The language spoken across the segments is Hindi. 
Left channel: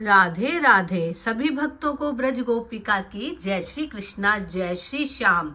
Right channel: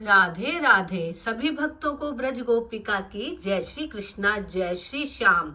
राधे राधे। सभी भक्तों को ब्रज गोपिका की जय श्री कृष्णा, जय श्री श्याम।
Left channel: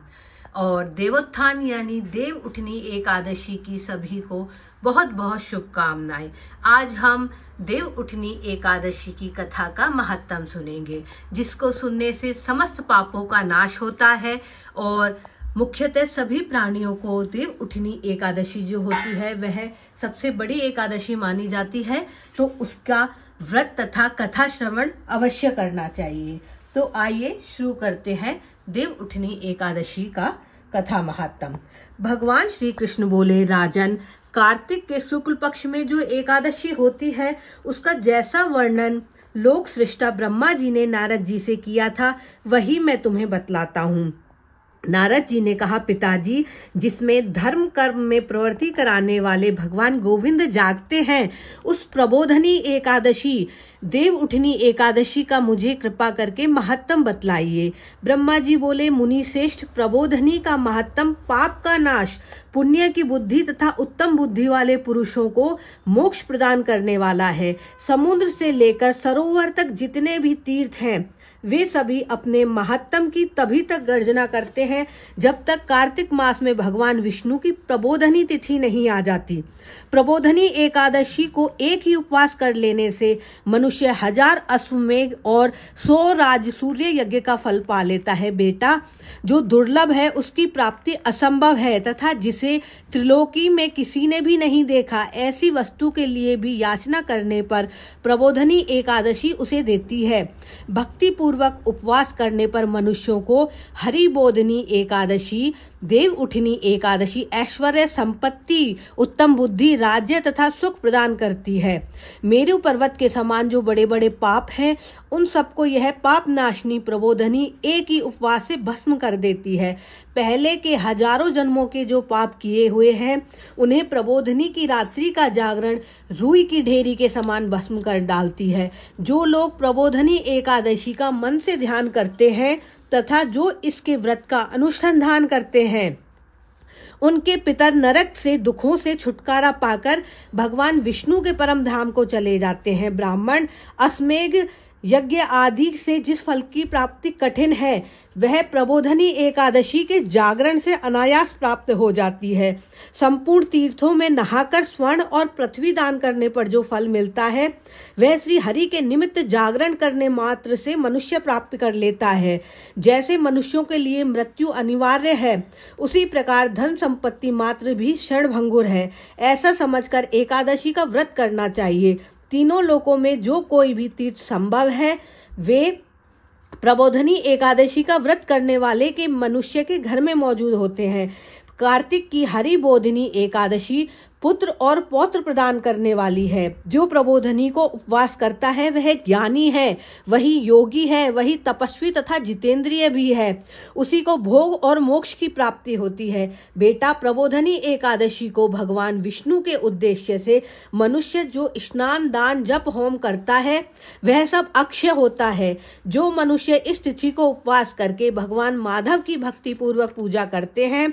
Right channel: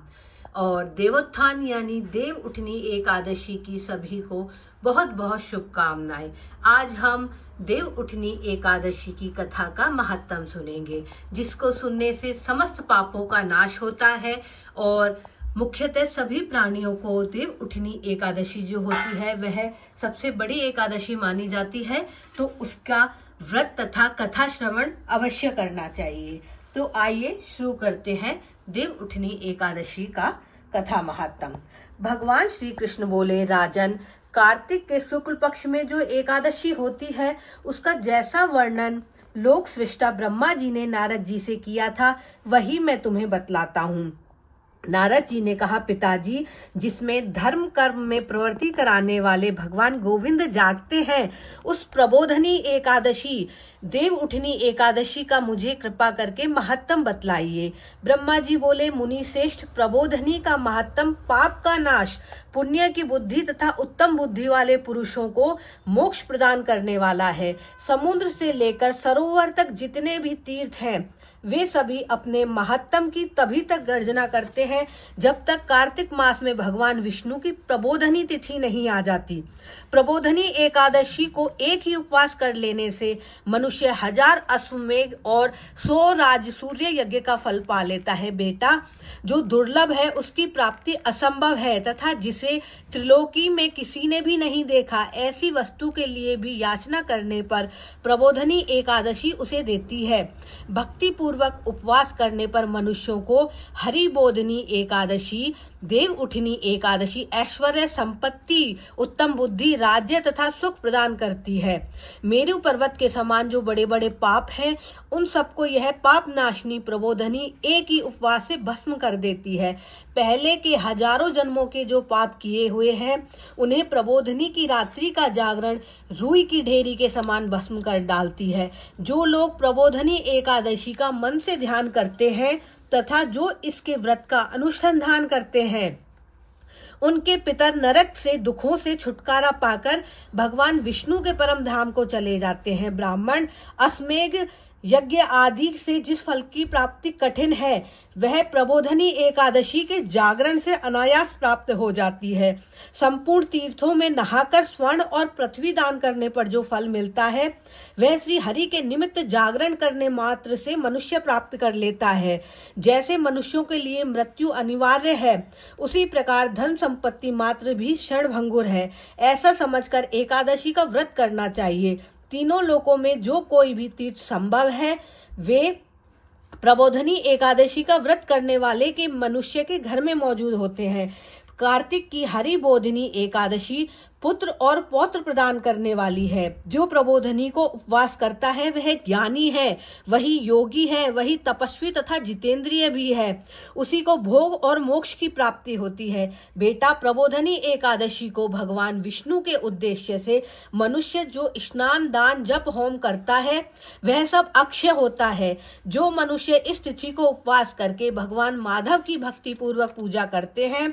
और देवोत्थान यानी देव उठनी एकादशी की सभी को बहुत बहुत शुभकामनाएं। आज हम देव उठनी एकादशी की कथा का महत्व सुनेंगे, जिसको सुनने से समस्त पापों का नाश होता है और मुख्यतः सभी प्राणियों को देव उठनी एकादशी जो होती है वह सबसे बड़ी एकादशी मानी जाती है, तो उसका व्रत तथा कथा श्रवण अवश्य करना चाहिए। तो आइए शुरू करते हैं देव उठनी एकादशी का कथा महात्म। भगवान श्री कृष्ण बोले, राजन, कार्तिक के शुक्ल पक्ष में जो एकादशी होती है उसका जैसा वर्णन लोक सृष्टा ब्रह्मा जी ने नारद जी से किया था वही मैं तुम्हें बतलाता हूँ। नारद जी ने कहा, पिताजी, जिसमें धर्म कर्म में प्रवृत्ति कराने वाले भगवान गोविंद जागते हैं, उस प्रबोधनी एकादशी देव उठनी एकादशी का मुझे कृपा करके महत्तम बतलाइए। ब्रह्मा जी बोले, मुनि श्रेष्ठ, प्रबोधनी का महत्तम पाप का नाश, पुण्य की बुद्धि तथा उत्तम बुद्धि वाले पुरुषों को मोक्ष प्रदान करने वाला है। समुद्र से लेकर सरोवर तक जितने भी तीर्थ हैं वे सभी अपने महत्तम की तभी तक गर्जना करते हैं जब तक कार्तिक मास में भगवान विष्णु की प्रबोधनी तिथि नहीं आ जाती। प्रबोधनी एकादशी को एक ही उपवास कर लेने से मनुष्य 1000 अश्वमेध और 100 राज सूर्य यज्ञ का फल पा लेता है। बेटा, जो दुर्लभ है उसकी प्राप्ति असंभव है तथा जिसे त्रिलोकी में किसी ने भी नहीं देखा, ऐसी वस्तु के लिए भी याचना करने पर प्रबोधनी एकादशी उसे देती है। भक्ति पूर्वक उपवास करने पर मनुष्यों को हरिबोधनी एकादशी, देव उठनी एकादशी ऐश्वर्य, संपत्ति, उत्तम बुद्धि, राज्य तथा सुख प्रदान करती है। मेरु पर्वत के समान जो बड़े बड़े पाप हैं उन सबको यह पाप नाशनी प्रबोधनी एक ही उपवास से भस्म कर देती है। पहले के हजारों जन्मों के जो पाप किए हुए हैं उन्हें प्रबोधनी की रात्रि का जागरण रूई की ढेरी के समान भस्म कर डालती है। जो लोग प्रबोधनी एकादशी का मन से ध्यान करते हैं तथा जो इसके व्रत का अनुसंधान करते हैं उनके पितर नरक से दुखों से छुटकारा पाकर भगवान विष्णु के परम धाम को चले जाते हैं। ब्राह्मण, अश्वमेध यज्ञ आदि से जिस फल की प्राप्ति कठिन है वह प्रबोधनी एकादशी के जागरण से अनायास प्राप्त हो जाती है। संपूर्ण तीर्थों में नहाकर स्वर्ण और पृथ्वी दान करने पर जो फल मिलता है वह श्री हरि के निमित्त जागरण करने मात्र से मनुष्य प्राप्त कर लेता है। जैसे मनुष्यों के लिए मृत्यु अनिवार्य है, उसी प्रकार धन संपत्ति मात्र भी क्षणभंगुर है। ऐसा समझकर एकादशी का व्रत करना चाहिए। तीनों लोकों में जो कोई भी तीर्थ संभव है वे प्रबोधनी एकादशी का व्रत करने वाले के मनुष्य के घर में मौजूद होते हैं। कार्तिक की हरिबोधनी एकादशी पुत्र और पौत्र प्रदान करने वाली है। जो प्रबोधनी को उपवास करता है वह ज्ञानी है, वही योगी है, वही तपस्वी तथा जितेंद्रिय भी है। उसी को भोग और मोक्ष की प्राप्ति होती है। बेटा, प्रबोधनी एकादशी को भगवान विष्णु के उद्देश्य से मनुष्य जो स्नान, दान, जप, होम करता है वह सब अक्षय होता है। जो मनुष्य इस तिथि को उपवास करके भगवान माधव की भक्ति पूर्वक पूजा करते हैं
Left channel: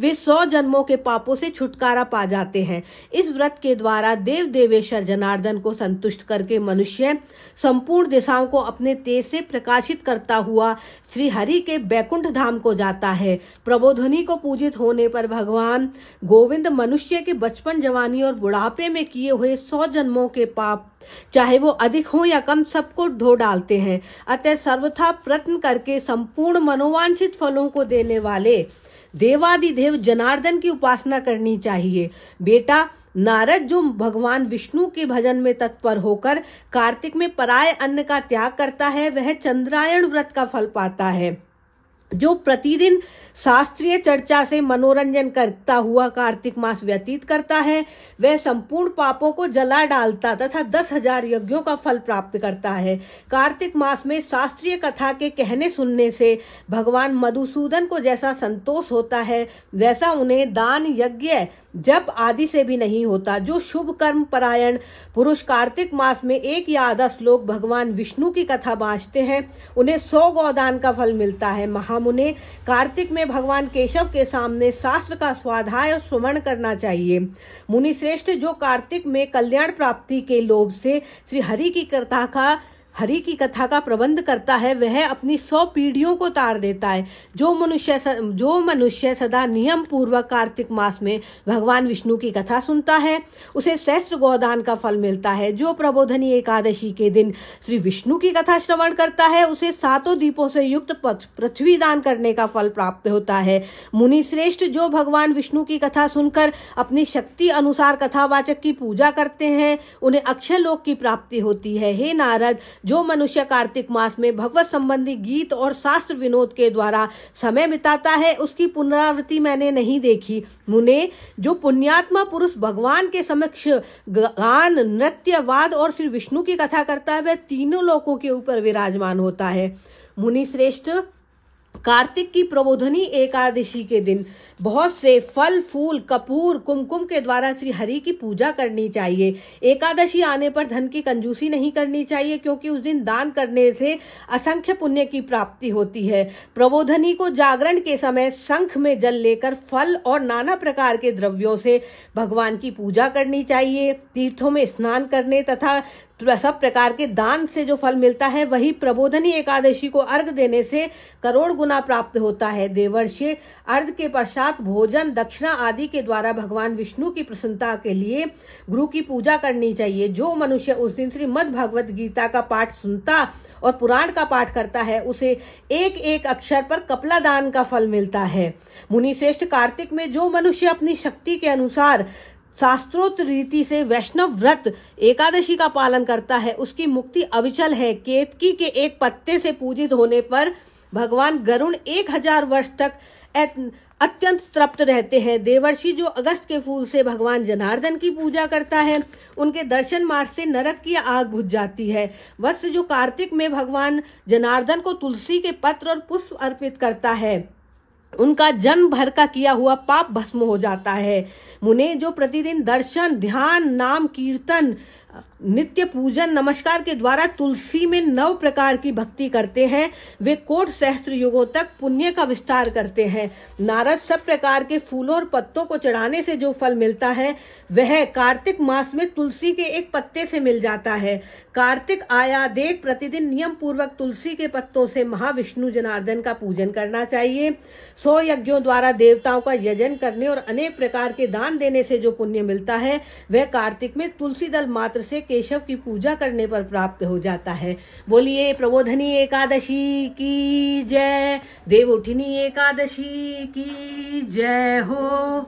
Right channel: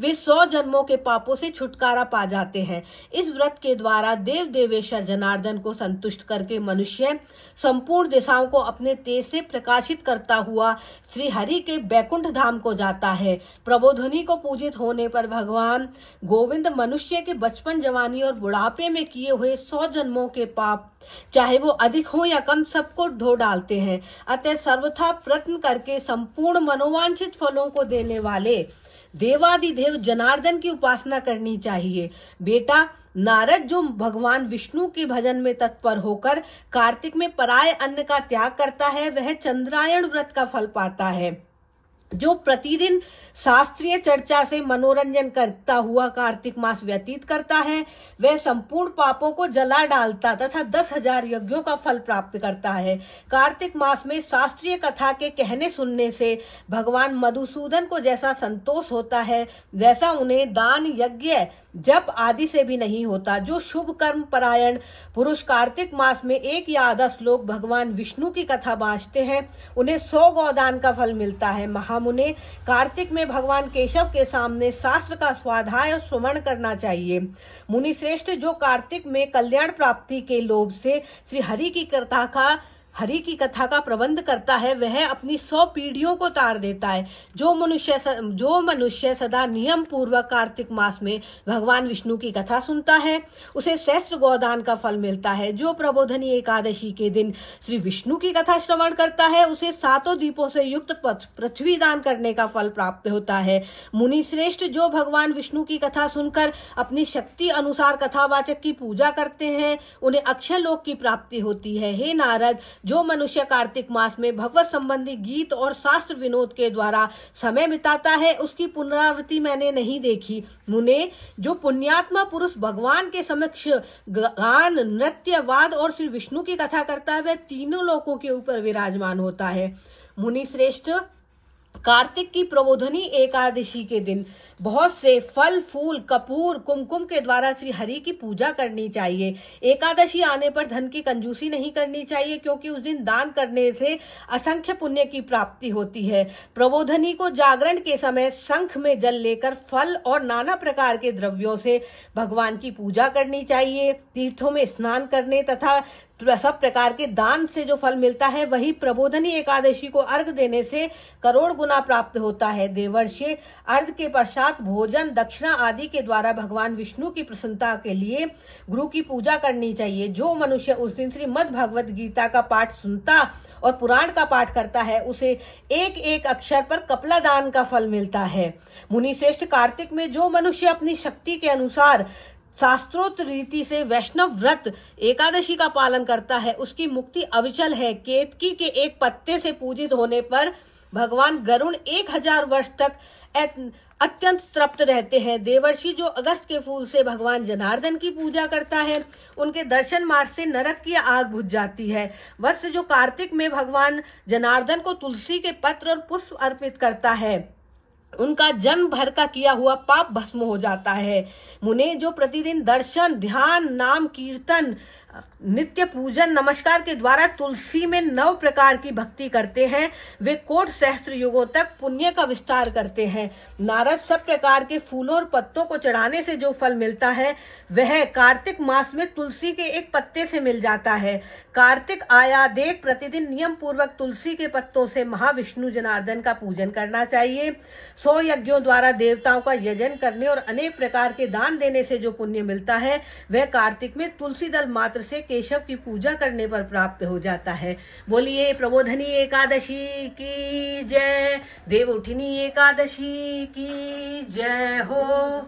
वे 100 जन्मों के पापों से छुटकारा पा जाते हैं। इस व्रत के द्वारा देव देवेश्वर जनार्दन को संतुष्ट करके मनुष्य संपूर्ण दिशाओं को अपने तेज से प्रकाशित करता हुआ श्री हरि के बैकुंठ धाम को जाता है। प्रबोधनी को पूजित होने पर भगवान गोविंद मनुष्य के बचपन, जवानी और बुढ़ापे में किए हुए 100 जन्मों के पाप, चाहे वो अधिक हो या कम, सबको धो डालते हैं। अतः सर्वथा प्रयत्न करके संपूर्ण मनोवांछित फलों को देने वाले देवादिदेव जनार्दन की उपासना करनी चाहिए। बेटा, नारद जो भगवान विष्णु के भजन में तत्पर होकर कार्तिक में पराय अन्न का त्याग करता है वह चंद्रायण व्रत का फल पाता है। जो प्रतिदिन शास्त्रीय चर्चा से मनोरंजन करता हुआ कार्तिक मास व्यतीत करता है वह संपूर्ण पापों को जला डालता तथा 10,000 यज्ञों का फल प्राप्त करता है। कार्तिक मास में शास्त्रीय कथा के कहने सुनने से भगवान मधुसूदन को जैसा संतोष होता है वैसा उन्हें दान, यज्ञ, जप आदि से भी नहीं होता। जो शुभ कर्म परायण पुरुष कार्तिक मास में 1 या आधा श्लोक भगवान विष्णु की कथा बाँचते हैं उन्हें 100 गौदान का फल मिलता है। महामुने, कार्तिक में भगवान केशव के सामने शास्त्र का स्वाध्याय और श्रवण करना चाहिए। मुनि श्रेष्ठ, जो कार्तिक में कल्याण प्राप्ति के लोभ से श्री हरि की कथा का हरि की कथा का प्रबंध करता है वह अपनी 100 पीढ़ियों को तार देता है। जो मनुष्य सदा नियम पूर्वक कार्तिक मास में भगवान विष्णु की कथा सुनता है उसे सहस्त्र गोदान का फल मिलता है। जो प्रबोधनी एकादशी के दिन श्री विष्णु की कथा श्रवण करता है उसे 7 दीपों से युक्त पृथ्वी दान करने का फल प्राप्त होता है। मुनि श्रेष्ठ जो भगवान विष्णु की कथा सुनकर अपनी शक्ति अनुसार कथावाचक की पूजा करते हैं उन्हें अक्षय लोक की प्राप्ति होती है। हे नारद, जो मनुष्य कार्तिक मास में भगवत संबंधी गीत और शास्त्र विनोद के द्वारा समय बिताता है उसकी पुनरावृत्ति मैंने नहीं देखी। मुने, जो पुण्यात्मा पुरुष भगवान के समक्ष गान, नृत्य, वाद और श्री विष्णु की कथा करता है वह तीनों लोकों के ऊपर विराजमान होता है। मुनि श्रेष्ठ, कार्तिक की प्रबोधनी एकादशी के दिन बहुत से फल, फूल, कपूर, कुमकुम के द्वारा श्री हरि की पूजा करनी चाहिए। एकादशी आने पर धन की कंजूसी नहीं करनी चाहिए क्योंकि उस दिन दान करने से असंख्य पुण्य की प्राप्ति होती है। प्रबोधनी को जागरण के समय शंख में जल लेकर फल और नाना प्रकार के द्रव्यों से भगवान की पूजा करनी चाहिए। तीर्थों में स्नान करने तथा सब प्रकार के दान से जो फल मिलता है वही प्रबोधनी एकादशी को अर्घ देने से करोड़ गुना प्राप्त होता है। देवर्षि, अर्घ के पश्चात भोजन, दक्षिणा आदि के द्वारा भगवान विष्णु की प्रसन्नता के लिए गुरु की पूजा करनी चाहिए। जो मनुष्य उस दिन श्रीमद् भगवत गीता का पाठ सुनता और पुराण का पाठ करता है उसे एक एक अक्षर पर कपला दान का फल मिलता है। मुनि श्रेष्ठ, कार्तिक में जो मनुष्य अपनी शक्ति के अनुसार शास्त्रोक्त रीति से वैष्णव व्रत एकादशी का पालन करता है उसकी मुक्ति अविचल है। केतकी के एक पत्ते से पूजित होने पर भगवान गरुण 1000 वर्ष तक अत्यंत तृप्त रहते हैं। देवर्षि, जो अगस्त के फूल से भगवान जनार्दन की पूजा करता है उनके दर्शन मार्ग से नरक की आग बुझ जाती है। वत्स, जो कार्तिक में भगवान जनार्दन को तुलसी के पत्र और पुष्प अर्पित करता है उनका जन्म भर का किया हुआ पाप भस्म हो जाता है। मुने, जो प्रतिदिन दर्शन, ध्यान, नाम कीर्तन, नित्य पूजन, नमस्कार के द्वारा तुलसी में 9 प्रकार की भक्ति करते हैं वे कोट सहस्त्र युगों तक पुण्य का विस्तार करते हैं। नारद, सब प्रकार के फूलों और पत्तों को चढ़ाने से जो फल मिलता है वह कार्तिक मास में तुलसी के एक पत्ते से मिल जाता है। कार्तिक आया देख प्रतिदिन नियम पूर्वक तुलसी के पत्तों से महाविष्णु जनार्दन का पूजन करना चाहिए। 100 यज्ञों द्वारा देवताओं का यजन करने और अनेक प्रकार के दान देने से जो पुण्य मिलता है वह कार्तिक में तुलसी दल मात्र से केशव की पूजा करने पर प्राप्त हो जाता है। बोलिए प्रबोधनी एकादशी की जय, देवउठनी एकादशी की जय हो।